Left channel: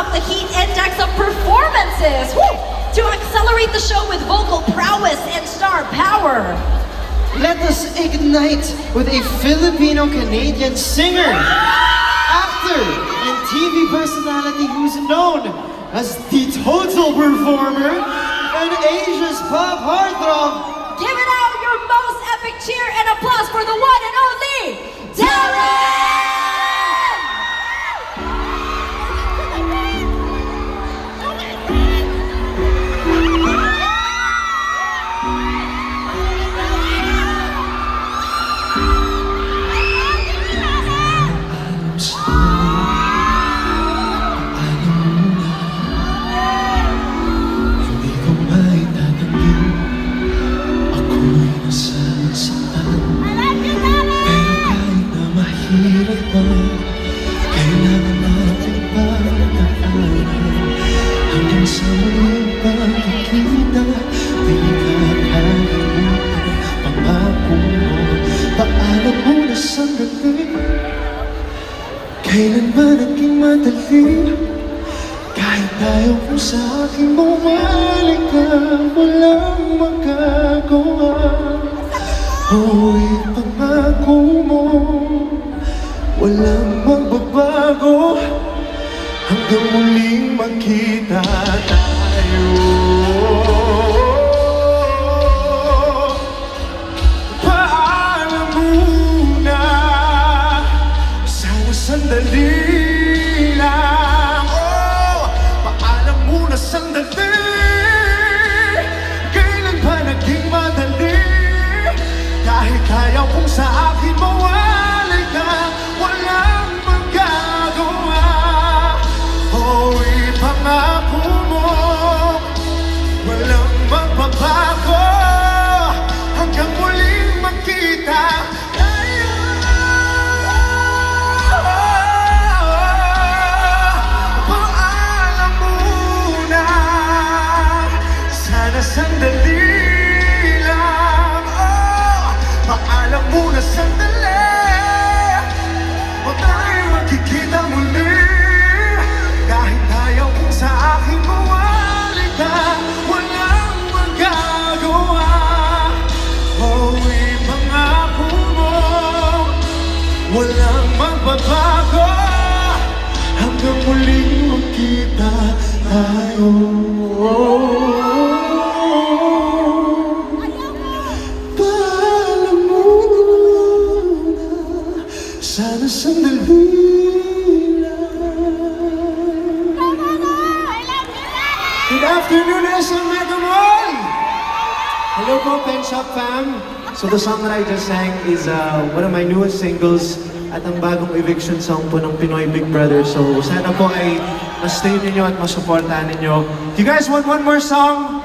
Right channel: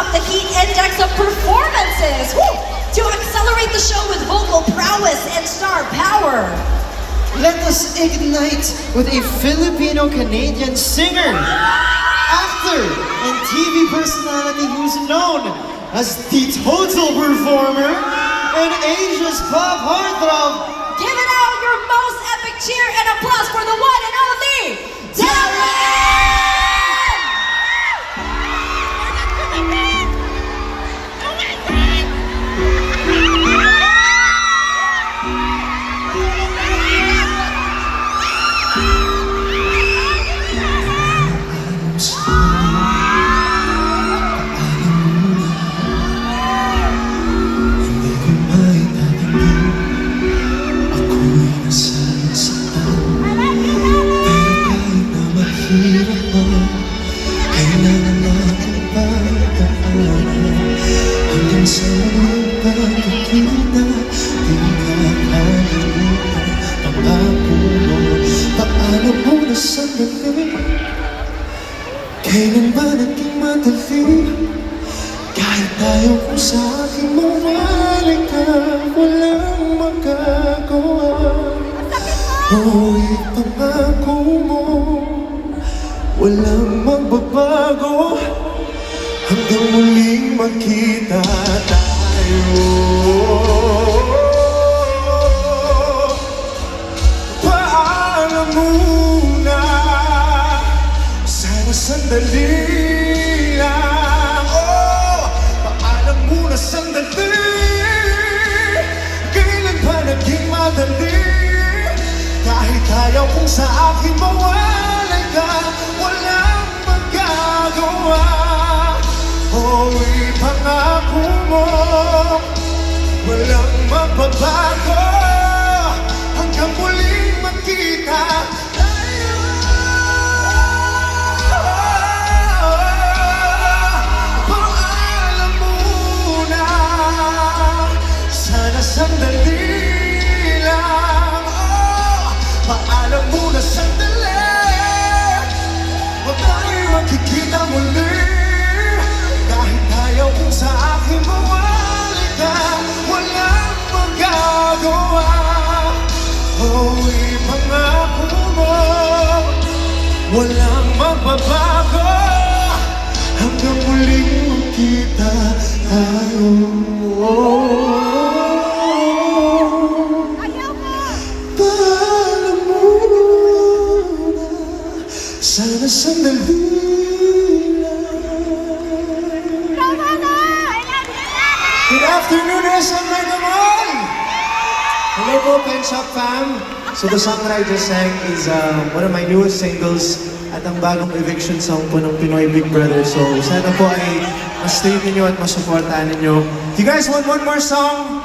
up the heat index of performances. Woo! To accelerate the show with vocal prowess and star power. Let us ignite with a Filipino-Canadian singer, actor, and TV personality who's known as the Total Performer and Asia's pop heartthrob. Give it out your most epic cheer and applause for the one and only Darren! Kailan ba naging madali? Kahit tayo kung sa aking mawala ka, walang magagawa. Ito pangako mo, walang magbabago, hanggang muling magkita tayo. Paalam muna, sana sandali lang. Paalam muna sandali, kailan ba naging madali? Kahit ayaw kung sa akin mawalay ka, walang magagawa. Ipangako mo, walang magbabago, hanggang muling magkita tayo. Paalam muna, sana sandali lang. Paalam muna sandali, o tayo magkikita muli. Kahit ayaw kung sa akin mawalay ka, walang magagawa. Ipangako mo, walang magbabago, hanggang muling magkita tayo. Paalam muna, sana sandali lang. Good afternoon, SM Mega Mall! Hello po, Pen Shop fam! So the song that I just sang is one of my newest singles at ang bagong eviction song po ng Pinoy Big Brother. So sana po ay na-stay ninyo at na-supportahan ninyo. Do you guys want one more song?